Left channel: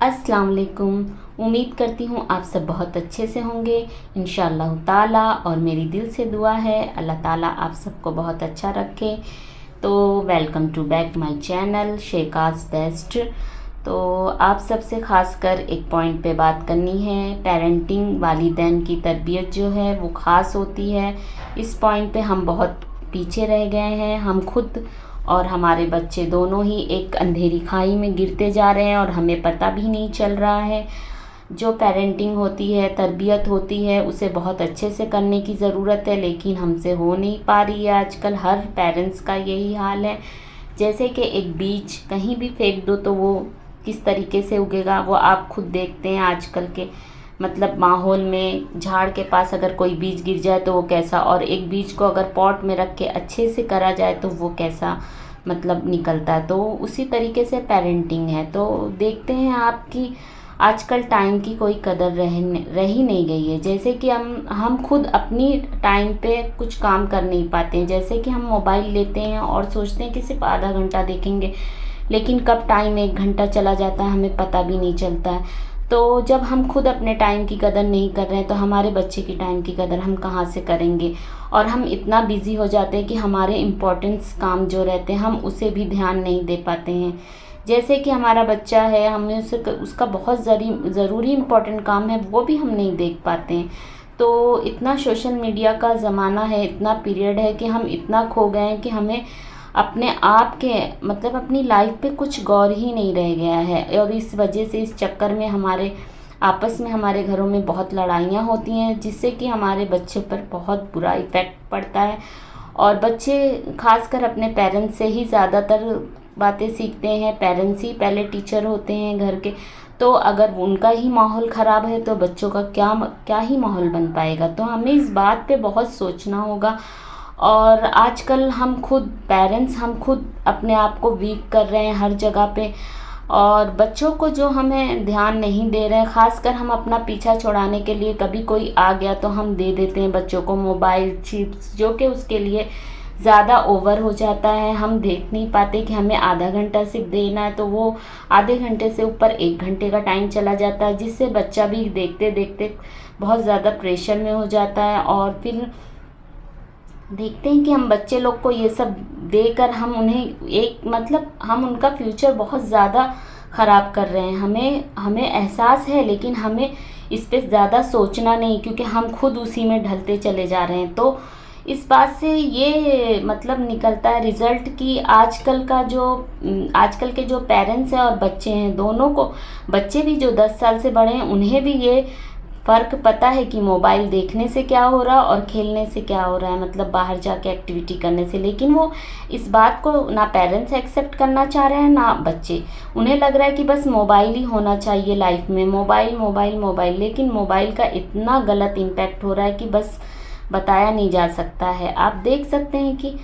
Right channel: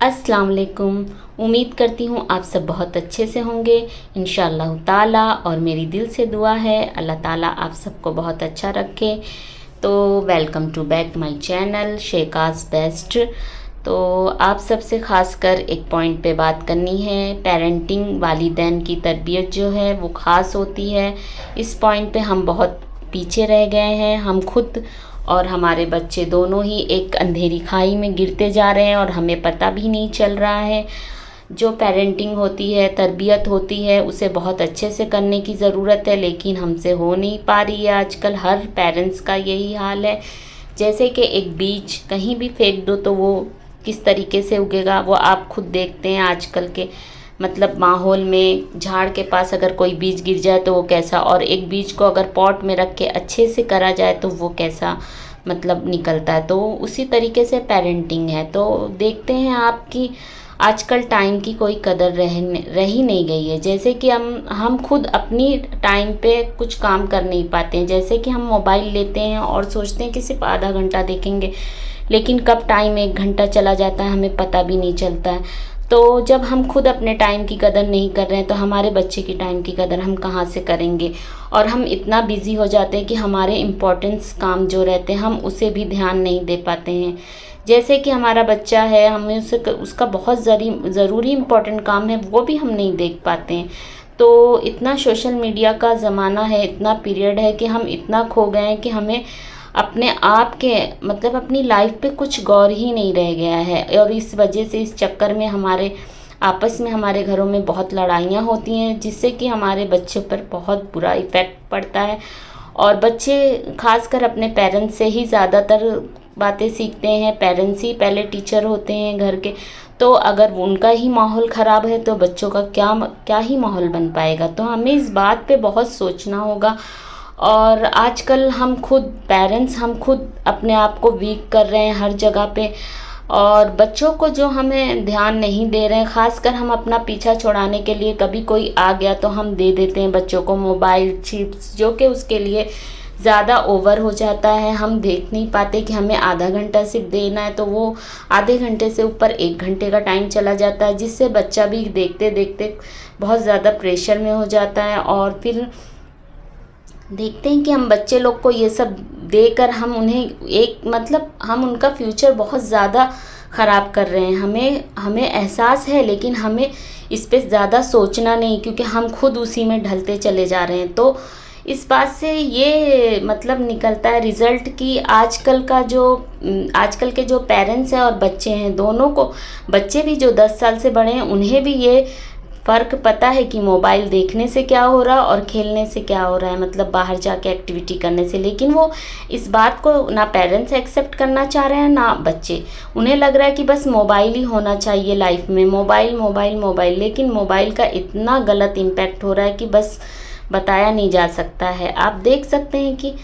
अस्सलाम वालेकुम। उम्मीद करती हूँ आप सब बहुत अच्छे से होंगे इंशाअल्लाह ताला। और मेरी दिल से दुआ है अल्लाह ताला आप सबको बहुत अच्छा रखे। तो welcome to back my channel शेकास बेस्ट। तो आप सबसे खासकर एक पॉइंट पे बात करनी है। पेरेंटिंग, वालिदैन की तरबियत जो है वो ख़ास होती है। इस पॉइंट पे हम बहुत पीछे रह गए हैं। हम खुद और हमारे बच्चे दोनों ही एक अंधेरी खाई में गिरते जा रहे हैं और हमें पता भी नहीं चल रहा है। जो पेरेंटिंग होती है, तरबियत होती है, उसे बहुत अच्छे से करने की ज़रूरत है, लेकिन हमसे हो नहीं पा रही है। आजकल हर पेरेंट्स का यही हाल है। जैसे कि एक बीज कहीं भी फेंक दो तो वो किस तरीके से उगेगा वो आप खुद देखते हैं। आजकल के मतलब माहौल में झाड़ के पास अगर कोई बीज गिर जाए तो वो कैसा, और एक बीज को अगर पॉट में रख के अच्छे से करा जाए तो वो कैसा मतलब निकलता है। तो उसी तरीके से पेरेंटिंग है। तो देखते हैं आपकी आजकल टाइम की कोई कदर रही नहीं गई है। जैसे कि हम खुद अपनी टाइम पे कुछ काम कर नहीं पाते हैं। जैसे कि हम मोबाइल लेते हैं और सोचते हैं कि सिर्फ आधा घंटा देखेंगे, लेकिन कब टाइम 1 घंटा चला जाता है हमें पता भी नहीं चलता है। तो जब हम खुद अपने टाइम की कदर नहीं कर रहे हैं तो हमारे बच्चे की टाइम की कदर हम कहाँ से करेंगे। और हम इतना बिजी हो जाते हैं कि हमारे इम्पोर्टेंस काम जो रहते हैं हम उसे भी ध्यान नहीं दे पाते हैं। जैसे कि हमारा बच्चा है, हमें उसे उसका बहुत ज़रूरी इम्पोर्टेंट काम है वो भी हम नहीं देख पाते हैं। तो इतना सोशल मीडिया का ज़माना है, इतना पीरियड है कि हम इतना खो गए हैं कि हमें अपने आप के मतलब अपनी लाइफ पे कुछ गौर ही नहीं रह गया है। और इस वजह से, इस चक्कर में हमारे आपस में हमारे घरों में बहुत लड़ाइयाँ होती हैं, जिससे कि हमारे बच्चे पर बहुत बुरा इफ़ेक्ट पड़ता है। और बच्चे खासकर अपने पेरेंट्स से ही ज़्यादातर बातें सीखते हैं। पेरेंट्स ही पहले टीचर होते हैं घर के। तो अगर उनका ही माहौल ख़राब है तो बच्चों का क्या क्या ही माहौल बन पाएगा। तो हमें इस बात पे बहुत सोचना होगा। और आजकल हम खुद पेरेंट्स, हम खुद अपने आप को वीक कर रहे हैं हर जगह पे। और बच्चों को जो हमें ध्यान नहीं दे रहे हैं, ख़ासकर हम अपना पीछा छुड़ाने के लिए कभी कोई आ गया तो हम दे देते हैं बच्चों को मोबाइल, चिप्स, जो कि उसके लिए ज़्यादा ओवर हो जाता है। हम देख नहीं पाते कि हमें आधा घंटा सिर्फ देना है, तो वो आधे घंटे से ऊपर 1 घंटे का टाइम चला जाता है, जिससे बच्चा भी देखते देखते बहुत ज़्यादा प्रेशर में हो जाता है। और फिर देखते हैं कि हम बच्चे लोग को ये सब देकर हम उन्हें एक मतलब हम उनका फ्यूचर बहुत ज़्यादा ख़राब कर रहे हैं। हमें हमें एहसास है, लेकिन हमें इस पे ज़्यादा सोचना नहीं, क्योंकि हम खुद उसी में ढलते चले जा रहे हैं। तो इस बात से ये मतलब निकलता है रिज़ल्ट कि आजकल के जो पेरेंट्स हैं और बच्चे हैं, दोनों को, बच्चे भी जो 10 साल से बड़े हैं उन्हें भी ये फ़र्क पता है कि मोबाइल देखने से क्या हो रहा है और खेलने से क्या हो रहा है, मतलब बाहर जाके एक्टिविटी करने से। लेकिन वो इस बात को ना पेरेंट्स एक्सेप्ट करना चाह रहे हैं ना बच्चे। उन्हें लग रहा है कि बस मोबाइल ही होना चाहिए लाइफ में, मोबाइल मोबाइल मोबाइल। लेकिन मोबाइल का इतना गलत इम्पैक्ट हो रहा है कि बस बताया नहीं जा सकता है। आप देख सकते हैं कि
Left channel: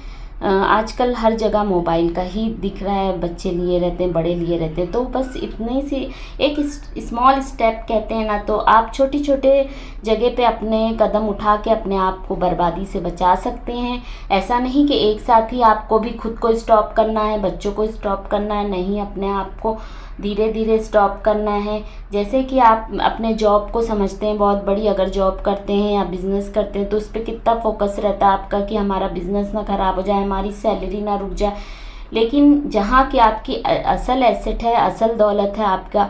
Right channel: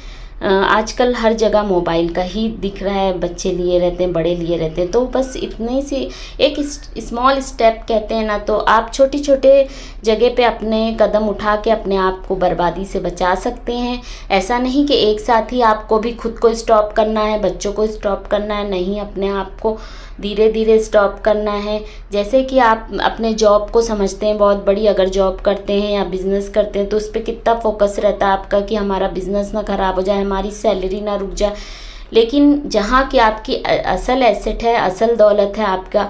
आजकल हर जगह मोबाइल का ही दिख रहा है। बच्चे लिए रहते हैं, बड़े लिए रहते हैं। तो बस इतनी सी एक स्मॉल स्टेप कहते हैं ना, तो आप छोटे छोटे जगह पे अपने कदम उठा के अपने आप को बर्बादी से बचा सकते हैं। ऐसा नहीं कि एक साथ ही आपको भी खुद को स्टॉप करना है, बच्चों को स्टॉप करना है, नहीं, अपने आप को धीरे धीरे स्टॉप करना है। जैसे कि आप अपने जॉब को समझते हैं बहुत बड़ी, अगर जॉब करते हैं या बिज़नेस करते हैं तो उस पर कितना फोकस रहता है आपका कि हमारा बिज़नेस ना ख़राब हो जाए, हमारी सैलरी ना रुक जाए। लेकिन जहाँ की आपकी असल एसेट है, असल दौलत है आपका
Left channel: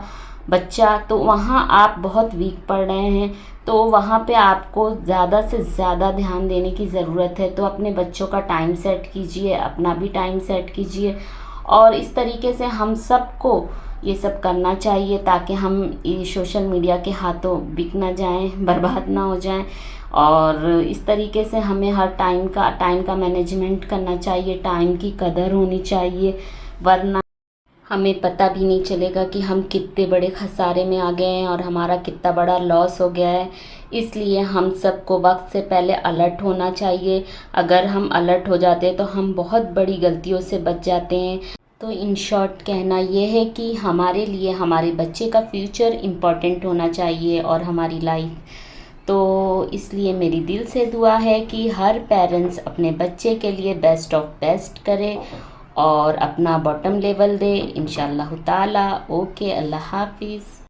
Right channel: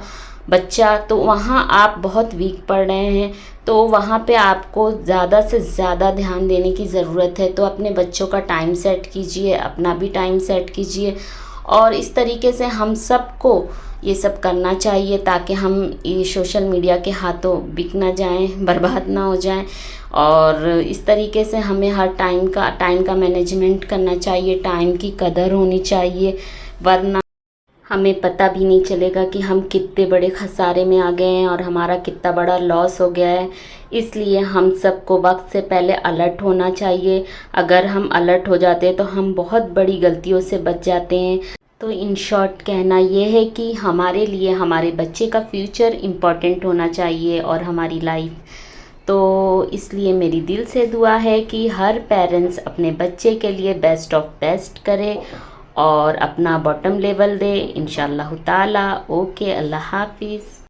बच्चा, तो वहाँ आप बहुत वीक पड़ रहे हैं। तो वहाँ पे आपको ज़्यादा से ज़्यादा ध्यान देने की ज़रूरत है। तो अपने बच्चों का टाइम सेट कीजिए, अपना भी टाइम सेट कीजिए। और इस तरीके से हम सबको ये सब करना चाहिए ताकि हम ये सोशल मीडिया के हाथों बिक ना जाएं, बर्बाद ना हो जाएं। और इस तरीके से हमें हर टाइम का मैनेजमेंट करना चाहिए, टाइम की कदर होनी चाहिए, वरना हमें पता भी नहीं चलेगा कि हम कितने बड़े खसारे में आ गए हैं और हमारा कितना बड़ा लॉस हो गया है। इसलिए हम सबको वक्त से पहले अलर्ट होना चाहिए। अगर हम अलर्ट हो जाते हैं तो हम बहुत बड़ी गलतियों से बच जाते हैं। तो इन शॉर्ट कहना ये है कि हमारे लिए हमारे बच्चे का फ्यूचर इम्पॉर्टेंट होना चाहिए और हमारी लाइफ। तो इसलिए मेरी दिल से दुआ है कि हर पेरेंट्स अपने बच्चे के लिए बेस्ट ऑफ बेस्ट करे और अपना बॉटम लेवल दे इंशाल्लाह ताला। ओके, अल्लाह हाफिज़।